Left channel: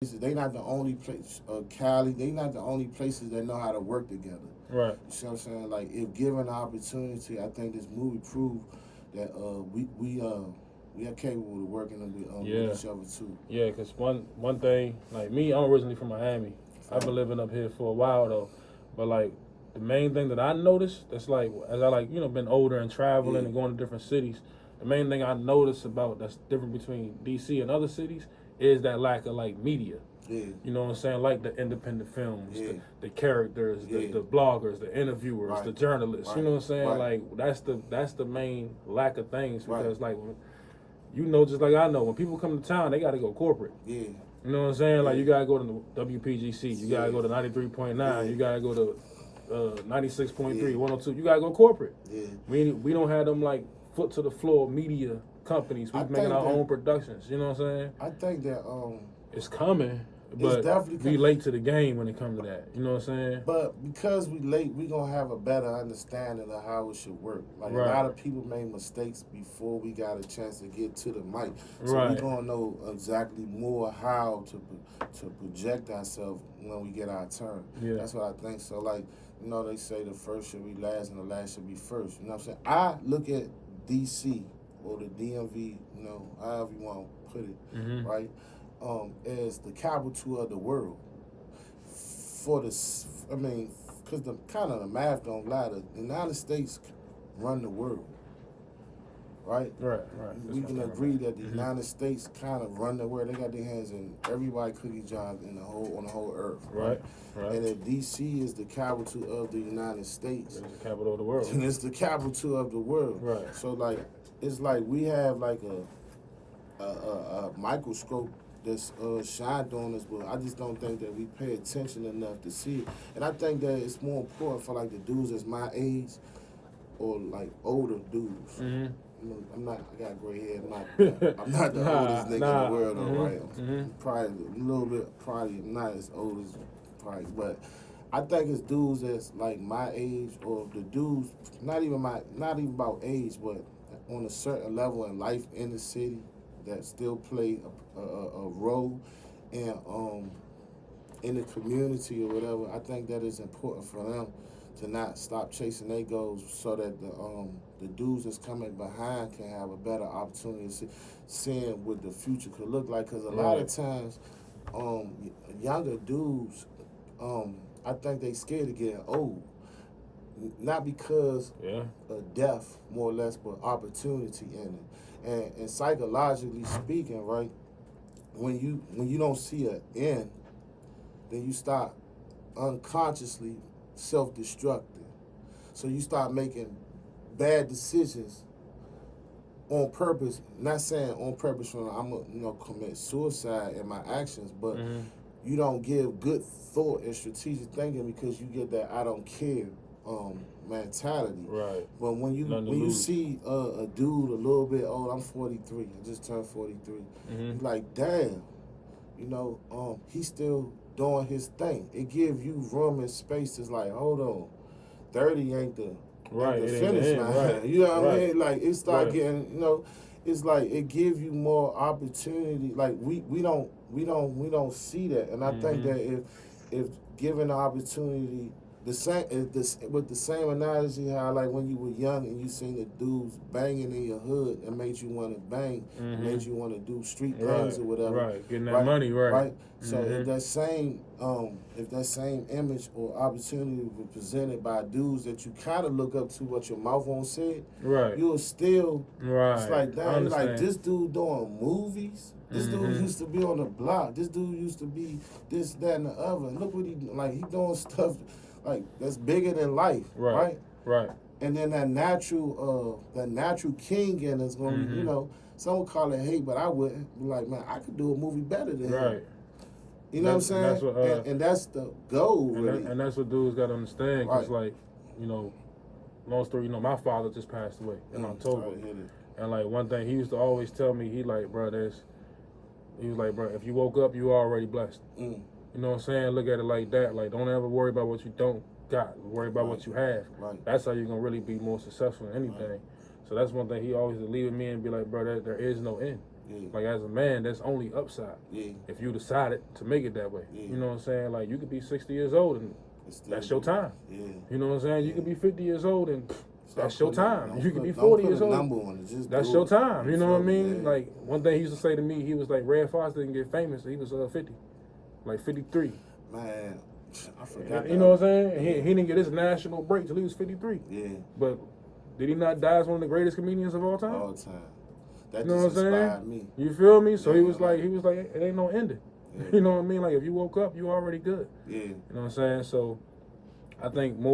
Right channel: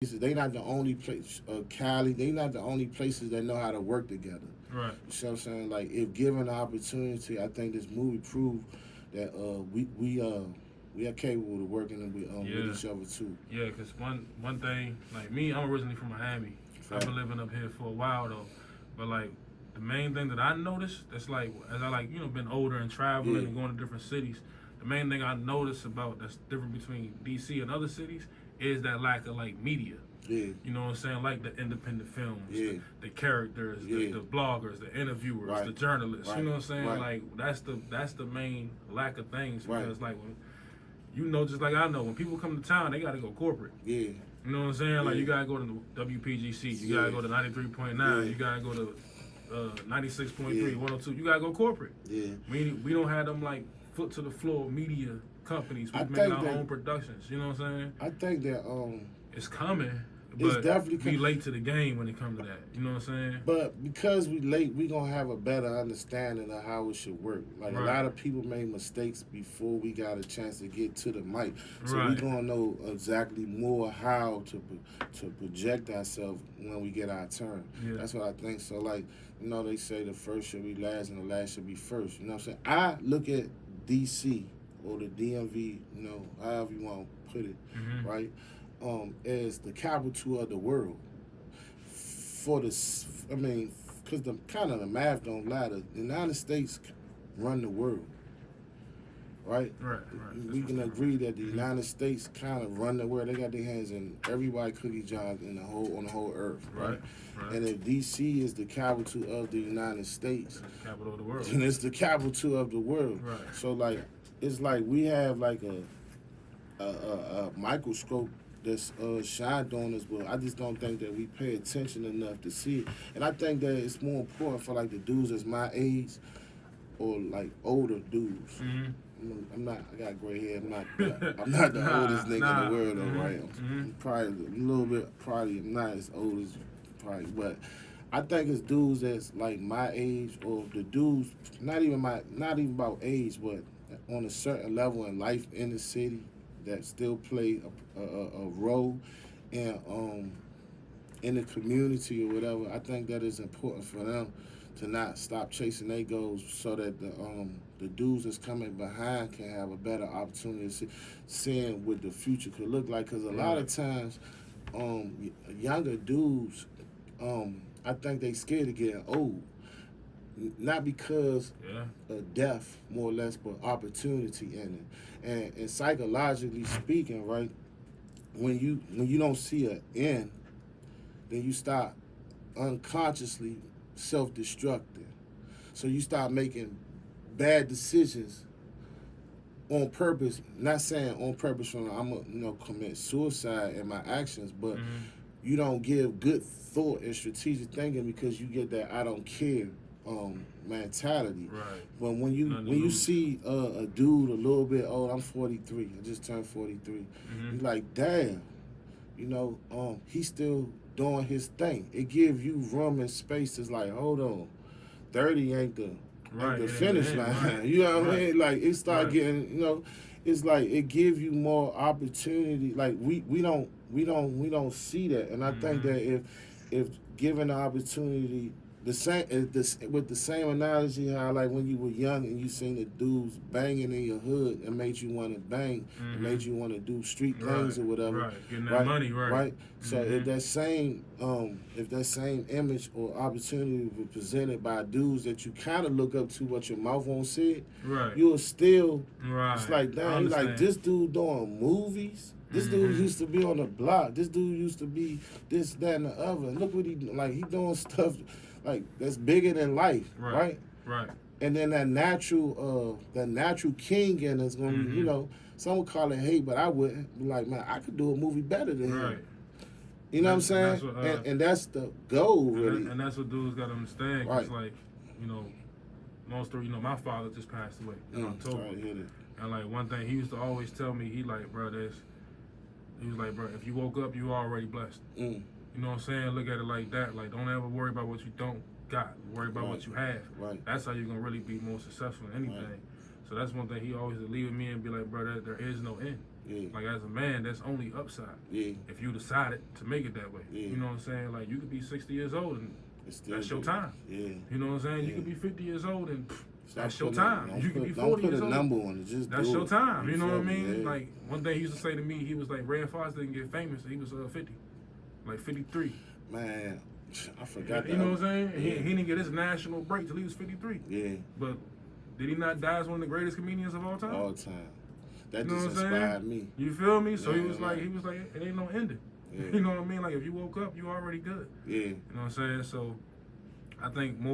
They not the only place, Cali. They not the only places that know how to work together. Right. You see what I'm saying? Like, if given the opportunity, I think this movie proved that we are capable of working with Yeah. each other too. Yeah, cause one thing, like me, I'm originally from Miami. I've Fact. been living up here for a while though, but like the main thing that I noticed, that's like as I like been older and traveling Yeah, and going to different cities, the main thing I noticed about that's different between DC and other cities is that lack of like media. yeah, You know what I'm saying? Like the independent films, yeah, the characters, yeah. the bloggers, the interviewers, the Right, journalists. You right, know what I'm saying? right, Like that's the main lack of things right. because like just like I know, when people come to town, they got to go corporate. Yeah, You know what I'm saying? Like yeah, you gotta go to the WPGC, you gotta yeah, go to 93.9, yeah, you gotta go to 96.3, yeah, 102. You gotta go corporate. yeah. We don't have them like foot to the floor media companies. We I making think our that own productions. You know what I'm saying? I think that It's coming, it's but definitely we late to the game when it comes to that. You know what I'm saying? but because we late, we gonna have a better understanding of how it should work. Like, a Right. lot of people made mistakes before we got a chance to get to the mic, so we Right. gonna know exactly more how to project ourselves when we get our turn. Yeah. That's what I think. So, like, they say the first should be last and the last should be first. You know what I'm saying? I look at DC or the DMV, however you want to put it, Mm-hmm. right? As the capital of the world for the, I mean, because the kind of the math don't lie. The United States run the world, right? Right. We can agree that the United States kind of run the world. They got their hands in everybody cookie jar on the whole earth, right? Right. And if DC is the capital of the United States, It's the capital of the world. then it's the capital of the world. Right. So, like, it's like we have like a microscope that's shined on us, but I just don't think that we pay attention enough to see it. And I think that it's more important for like the dudes that's my age or like older dudes. Mm-hmm. I'm not. I got gray hair. I'm not the oldest nigga in the world, though, right? I'm probably a little bit. Probably not as old as probably, but I think it's dudes that's like my age or the dudes not even about age, but on a certain level in life in the city that still play a role in the community or whatever. I think that is important for them to not stop chasing their goals, so that the dudes that's coming behind can have a better opportunity to seeing what the future could look like. Because a lot of times, younger dudes, I think they scared of getting old, not because of death, more or less, but opportunity in it. And psychologically speaking, right, when you don't see an end, then you start unconsciously self-destructing. So you start making bad decisions on purpose. Not saying on purpose when I'm gonna commit suicide in my actions, but you don't give good thought and strategic thinking because you get that I don't care mentality. Right. But when you see a dude a little bit old, I'm 43. I just turned 43. You're like, damn, he's still doing his thing. It gives you room and space. It's like, hold on, 30 ain't the finish line. Right. You know what I mean? Like, it start getting, it's like it gives you more opportunity. Like, we don't see that, and I think that if given the opportunity, the same with the same analogy, how like when you were young and you seen the dudes banging in your hood and made you want to bang, made you want to do street things or whatever. Right, getting that money, right. So if that same image or opportunity was presented by dudes that you kind of look up to, what your mouth won't say, you'll still. It's like, damn, you're like, this dude doing movies. This dude used to be on the block. This dude used to be this, that, and the other. And look what he doing stuff like that's bigger than life, right? And then that natural king in us gonna be, some would call it hate, but I wouldn't. Be like, man, I could do a movie better than him. You know what I'm saying? That's what, and that's the goal, really. And that's what dudes gotta understand. Cause like, long story, my father just passed away in October. And like one thing he used to always tell me, he was like, bro, if you woke up, you already blessed. You know what I'm saying? Look at it like that. Like, don't ever worry about what you don't got. Worry about what you have. That's how you're going to really be more successful in anything. So that's one thing he always would leave with me and be like, bro, there is no end. Yeah. Like as a man, that's only upside. Yeah. If you decided to make it that way. Yeah. You know what I'm saying? Like you could be 60 years old and that's your time. Yeah. You know what I'm saying? Yeah. You could be 50 years old and that's your time. Don't You could be put 40 a years old. number on it. Just that's do your it. time. You know what I mean? Yeah. Like one thing he used to say to me, he was like, Red Fox didn't get famous. He was 50, like 53. Man, I forgot. You know what I'm saying? Yeah. He didn't get his national break till he was 53. Yeah. But did he not die as one of the greatest comedians of all time? All time. That you know just what I'm inspired saying? me. You feel me? So Yeah, he was like, it ain't no ending. Yeah. You know what I mean? Like if you woke up, you already good. Yeah. You know what I'm saying? So I think more.